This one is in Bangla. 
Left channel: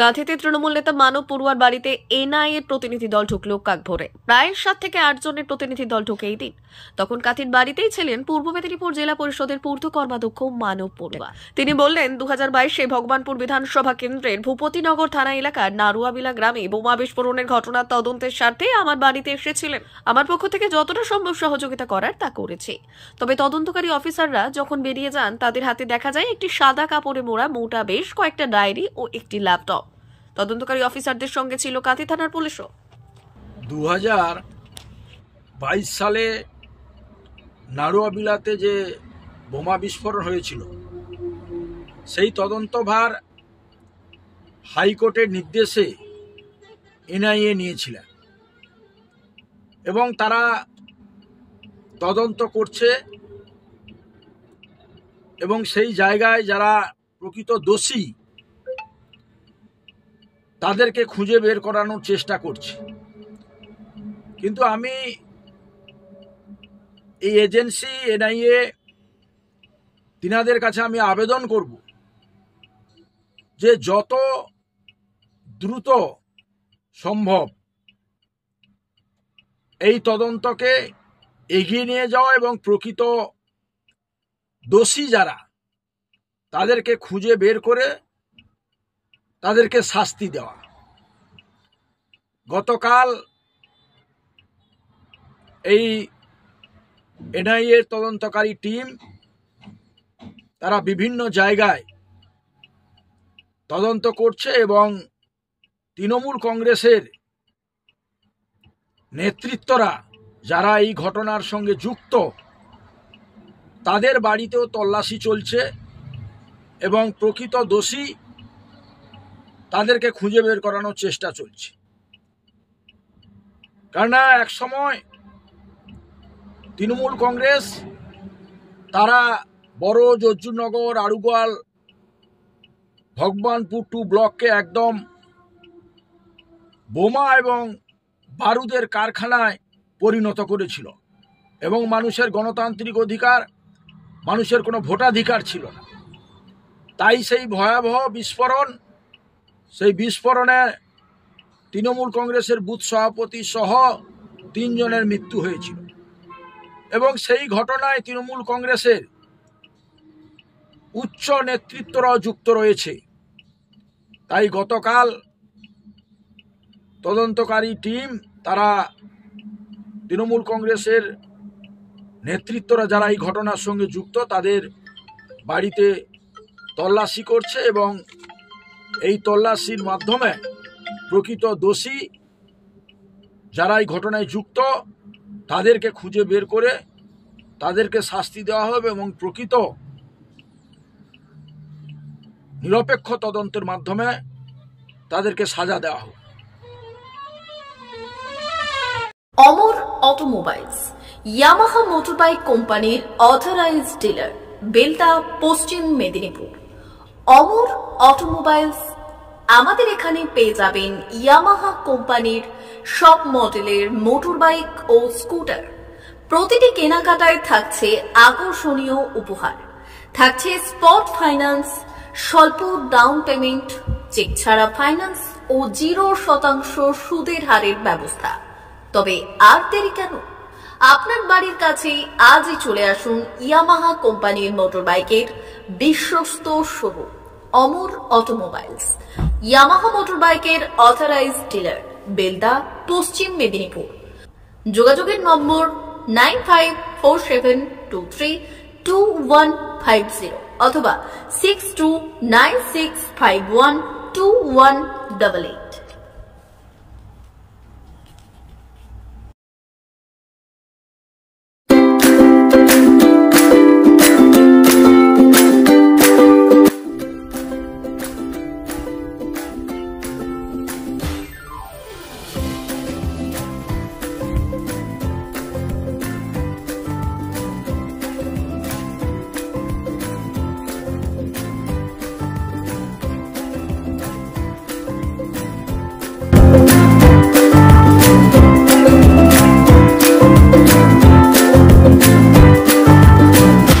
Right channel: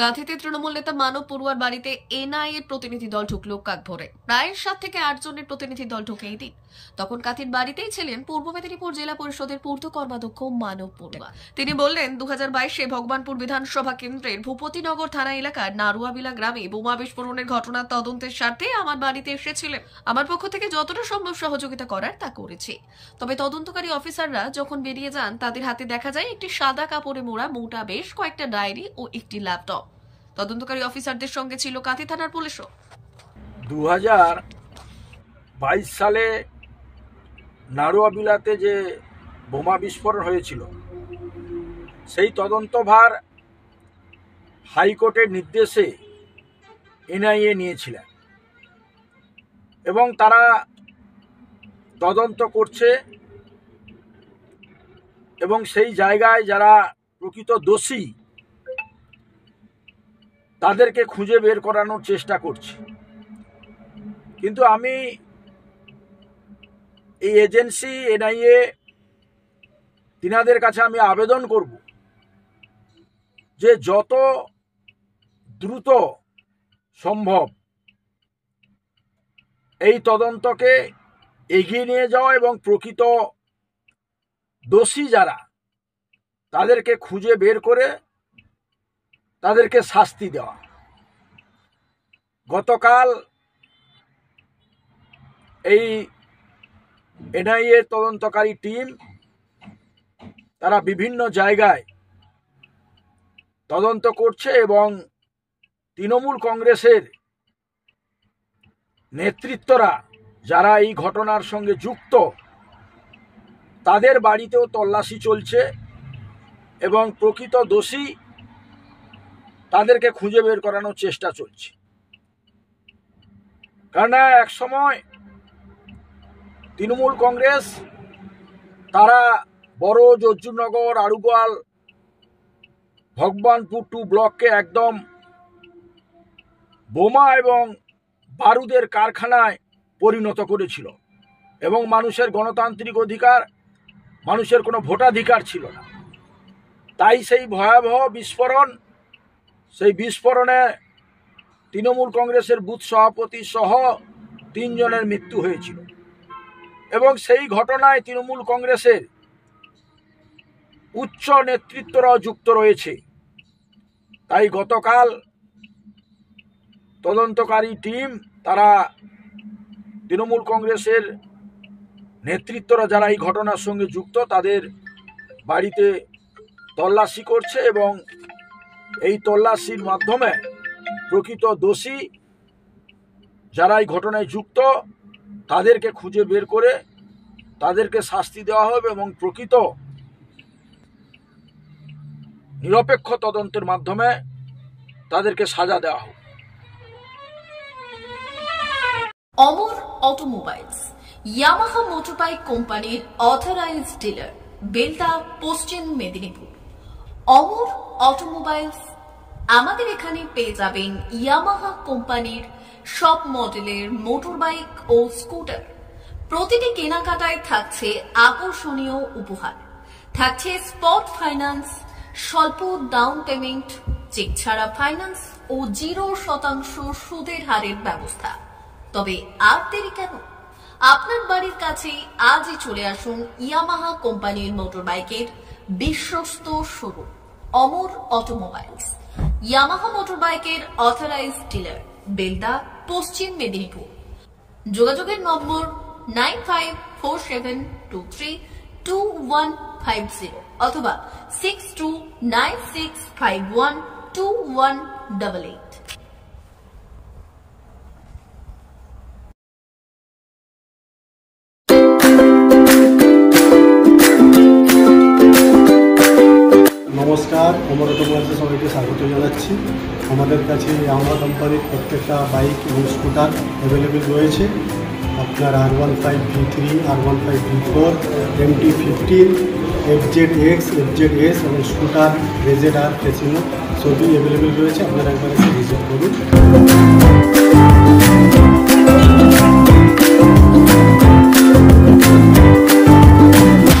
কাঁথিতে তৃণমূল নেতা মানব পড়ুয়ার বাড়িতে এনআইএ প্রতিনিধি দল ঢুকল কাক ভরে। প্রায় 7 থেকে 8 জনের প্রতিনিধি দল ঢুকে এই দিন। তখন কাঁথির বাড়িতেই ছিলেন পূর্ব মেদিনীপুর জেলা পরিষদের পূর্ত কর্মাধ্যক্ষ মানব পড়ুয়া। তিনি বললেন, 2022-এ ভগবানপুর বিধানসভা কেন্দ্রের ভূপতিনগর থানা এলাকার নারুয়াবিলা গ্রামে বোমা বিস্ফোরণের ঘটনার তদন্তের স্বার্থে আমার বাড়িতে এসেছিলেন। আমার পক্ষ থেকে যতটা সম্ভব সহযোগিতা করার তা করেছি। তবে তদন্তকারী অফিসাররা যখন বেরিয়ে যান, তাদের হাতে দেখা যায় একটি সাদা কাপড়ে মোড়া মোটা বেশ কয়েকটা ডায়েরি ও একটি ল্যাপটপ। তদন্তকারী অফিসারদের সঙ্গে ছিল কাঁথি থানার পুলিশও। 2022 সালে নারুয়াবিলাতে যে বোমা বিস্ফোরণ হয়েছিল, সেই তদন্তভার হাইকোর্টের নির্দেশে এনআইএ নিয়েছিলেন এবং তারা তদন্ত করছে এবং সেই জায়গায় যারা প্রকৃত দোষী তাদেরকে খুঁজে বের করানোর চেষ্টা করছে। কিন্তু আমি এই এজেন্সি এনআইএ তিনাদের কাছে আমি আবেদন করব যে যত দ্রুত সম্ভব এই তদন্তকে এগিয়ে নিয়ে যাওয়া এবং প্রকৃত দোষী যারা তাদেরকে খুঁজে বের করে তাদেরকে শাস্তি দেওয়া। গতকাল এই এনআইএ তদন্তকারী টিম তারা বিভিন্ন জায়গায় তদন্ত করছে এবং তৃণমূল কংগ্রেসের নেতৃত্বরা যারা এই ঘটনার সঙ্গে যুক্ত তাদের বাড়িতেও তল্লাশি চলছে এবং প্রকৃত দোষী তাদেরকে খুঁজে বের করানোর চেষ্টা চলছে। কারণ এক সময় তৃণমূল কংগ্রেস তারা বড় জর্জুনগর, আড়ুগোয়াল, ভগবানপুর 2 ব্লককে একদম বোমা এবং বারুদের কারখানায় পরিণত করেছিল এবং মানুষের গণতান্ত্রিক অধিকার, মানুষের কোনো ভোটাধিকার ছিল না। তাই সেই ভয়াবহ বিস্ফোরণ, সেই বিস্ফোরণে তৃণমূল কংগ্রেসের বুথ সভাপতি সহ 3 জনের মৃত্যু হয়েছিল এবং সেই ঘটনায় তৃণমূল কংগ্রেসের উচ্চ নেতৃত্বরাও যুক্ত রয়েছে। তাই গতকাল তদন্তকারী টিম তারা তৃণমূল কংগ্রেসের নেতৃত্বরা যারা এই ঘটনার সঙ্গে যুক্ত তাদের বাড়িতে তল্লাশি করছে এবং এই তল্লাশির মাধ্যমে প্রকৃত দোষী যারা এই ঘটনায় যুক্ত তাদেরকে খুঁজে বের করে তাদেরকে শাস্তি দেওয়া হবে এবং প্রকৃত নিরপেক্ষ তদন্তের মাধ্যমে তাদেরকে সাজা দেওয়া হবে। অমর অটোমোবাইলস, ইয়ামাহা মোটরবাইক কোম্পানির অথরাইজড ডিলার, বেলদা, পশ্চিম মেদিনীপুর। অমর অটোমোবাইলস, আমাদের এখানে পেয়ে যাবেন ইয়ামাহা কোম্পানির সব মডেলের মোটরবাইক ও স্কুটার। প্রতিটি কেনাকাটায় থাকছে আকর্ষণীয় উপহার, থাকছে স্পট ফাইন্যান্স, স্বল্প ডাউন পেমেন্ট, চেক ছাড়া ফাইন্যান্স ও 0% সুদের হারের ব্যবস্থা। তবে আর দেরি কেন? আপনার বাড়ির কাছেই আজই চলে আসুন ইয়ামাহা কোম্পানির মোটরবাইকের বিশ্বস্ত শোরুম অমর অটোমোবাইলস, ইয়ামাহা মোটরবাইকের অথরাইজড ডিলার, বেলদা, পশ্চিম মেদিনীপুর। যোগাযোগের নম্বর 9547232150 অথবা 6296512188। নমস্কার, অমর অটোমোবাইলসে সবাইকে স্বাগত জানাচ্ছি। আমাদের কাছে ইয়ামাহা কোম্পানির প্রত্যেকটা বাইক এবং স্কুটার অ্যাভেলেবেল রয়েছে। আপনার R15 V3, R15 V4, MT-15, FZX, FZS এবং স্কুটার RZR ফেসিনো সবই অ্যাভেলেবেল রয়েছে। আপনারা একবার ভিজিট করুন।